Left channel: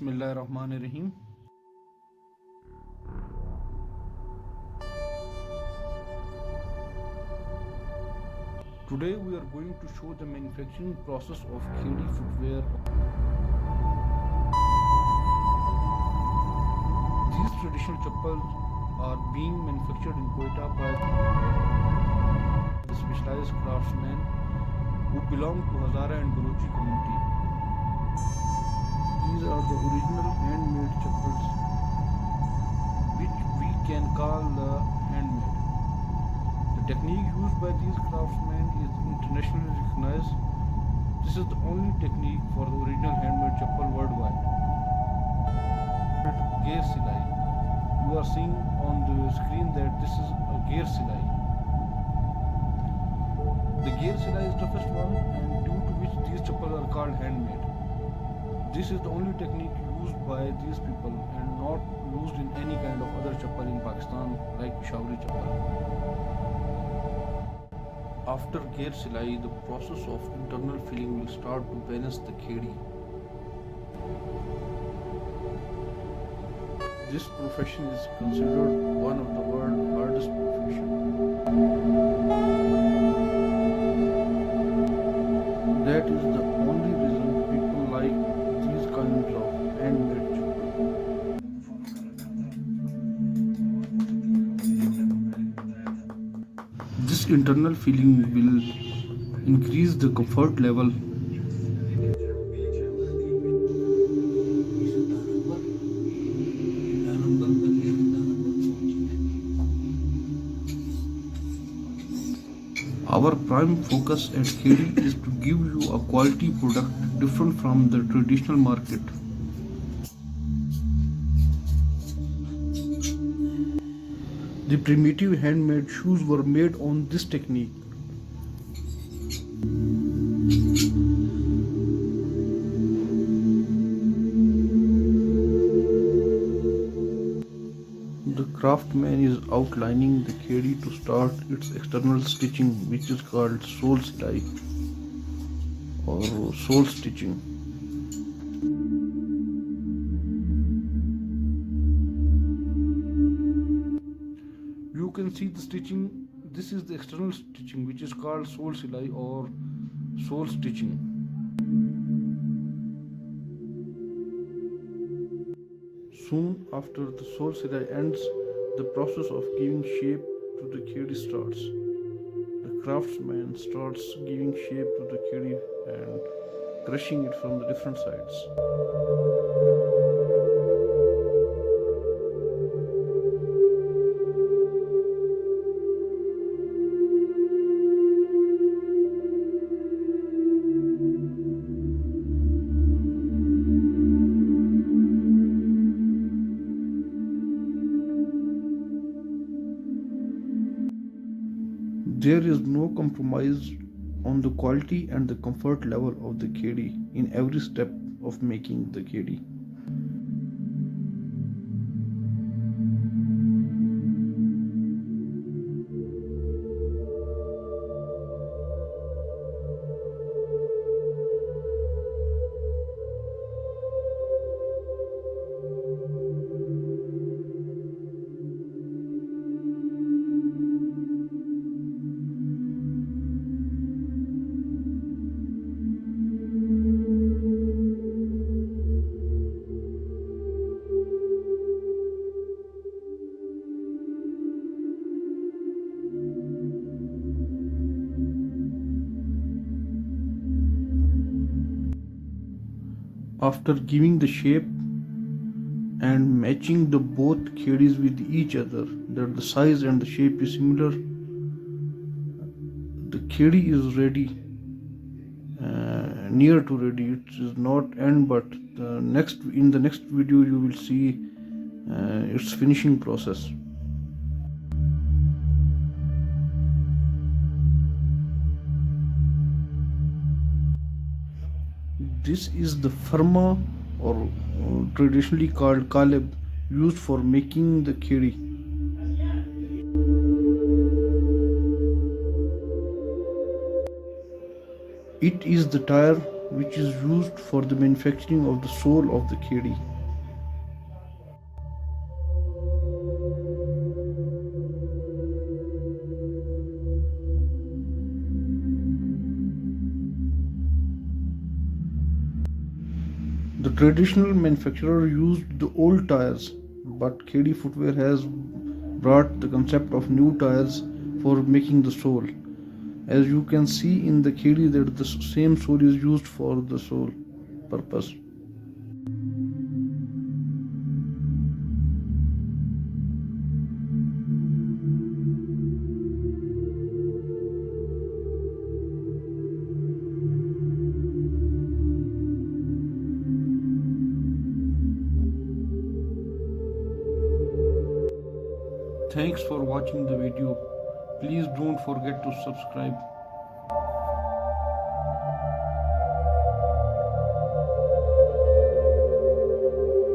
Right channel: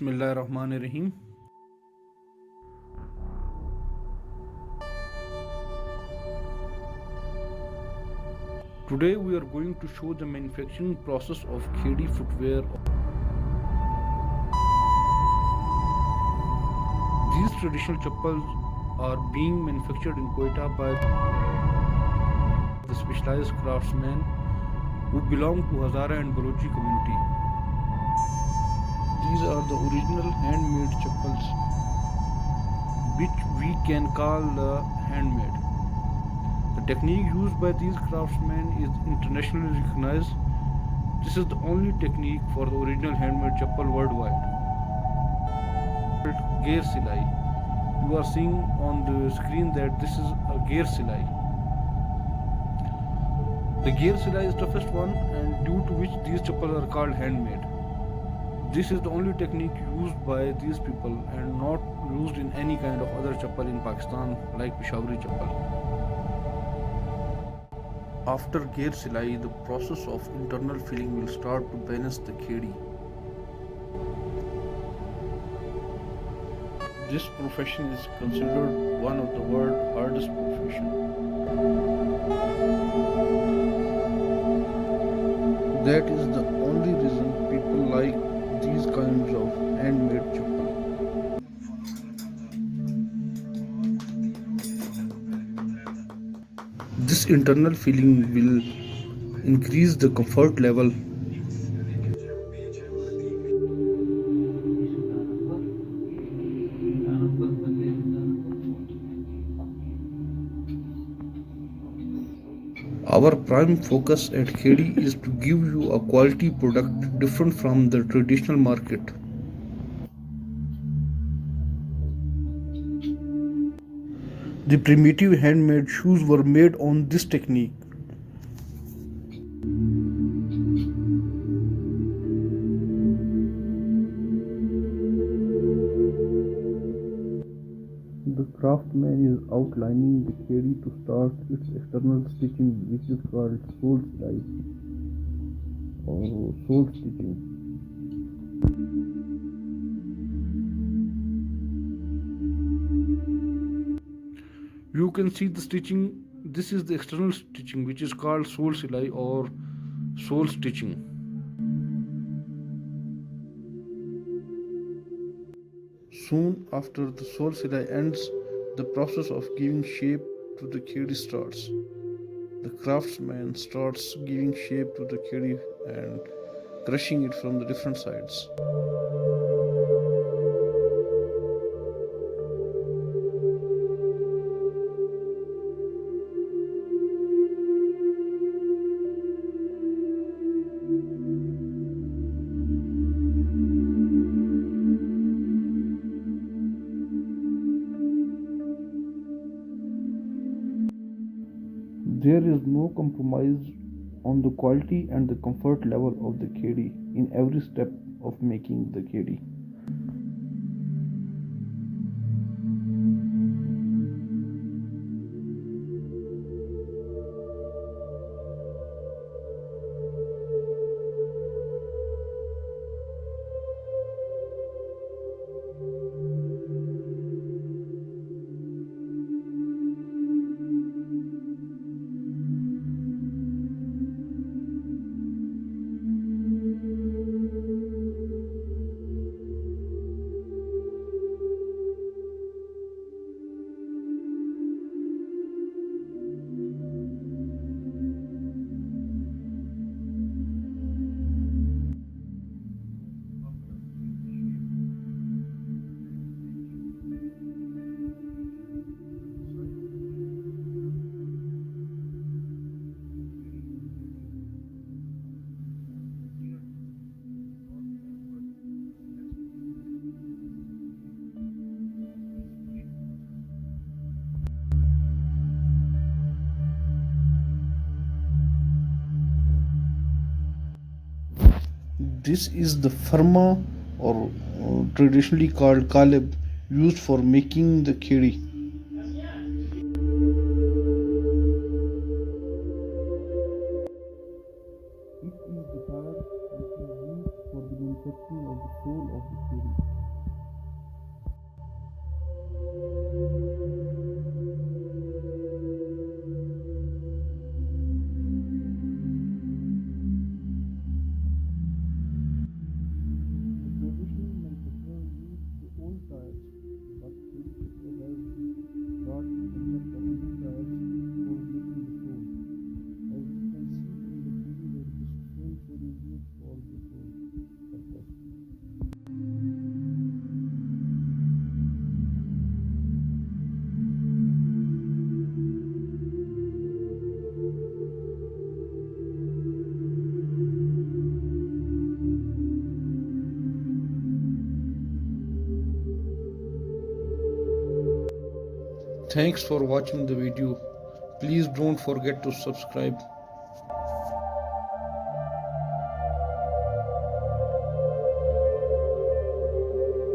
Bismillahirrahmanirrahim. Today we are going to show the manufacturing process of Kheri footwear. These traditional chappals are being manufactured in Quetta by the specialized craftsmen who belong to Hazara and Balochi community. These are the original handmade chappals, which we can call the handmade. The technique used by these craftsmen is internationally recognized. This is the only technique for the original handmade chappal worldwide. Gear silai. You are seeing on the screen that this is a gear silai. The gear silai is the toughest one, and due to which these chappals are called handmade. This is the only technique used by these people and not used in any kind of other chappal in Pakistan like Peshawari chappal. After gear silai, the process of internal filling will start to balance the khedi. This profession is considered one of the world's hardest profession. That is the only reason people like these kinds of handmade chappal. This internal filling will increase the comfort level. Our prime focus at Kheri is to give you a quality product different from the traditional market. The primitive handmade shoes were made on this technique. The craftsman is outlining the khedi to start its external stitching, which is called sole silai or sole stitching. You can see the stitching. This is the external stitching, which is called sole silai or sole stitching. Soon after the sole silai ends, the process of giving shape to the khedi starts. The craftsman starts giving shape to the khedi and crushing it from the different sides. There is no compromise on the quality and the comfort level of the khedi in every step of making the khedi. After giving the shape and matching the both khedis with each other, that the size and the shape is similar, the khedi is ready, near to ready. It is not end, but in the next video you will see its finishing process. This is the farma or traditionally called kaleb used for making the khedi. It is the tire which is used for the manufacturing of the sole of the khedi. The traditional manufacturer used the old tires, but Khedi Footwear has brought the concept of new tires for making the sole. As you can see in the Khedi that the same sole is used for the sole purpose. Thanks for watching the video. Please don't forget to subscribe.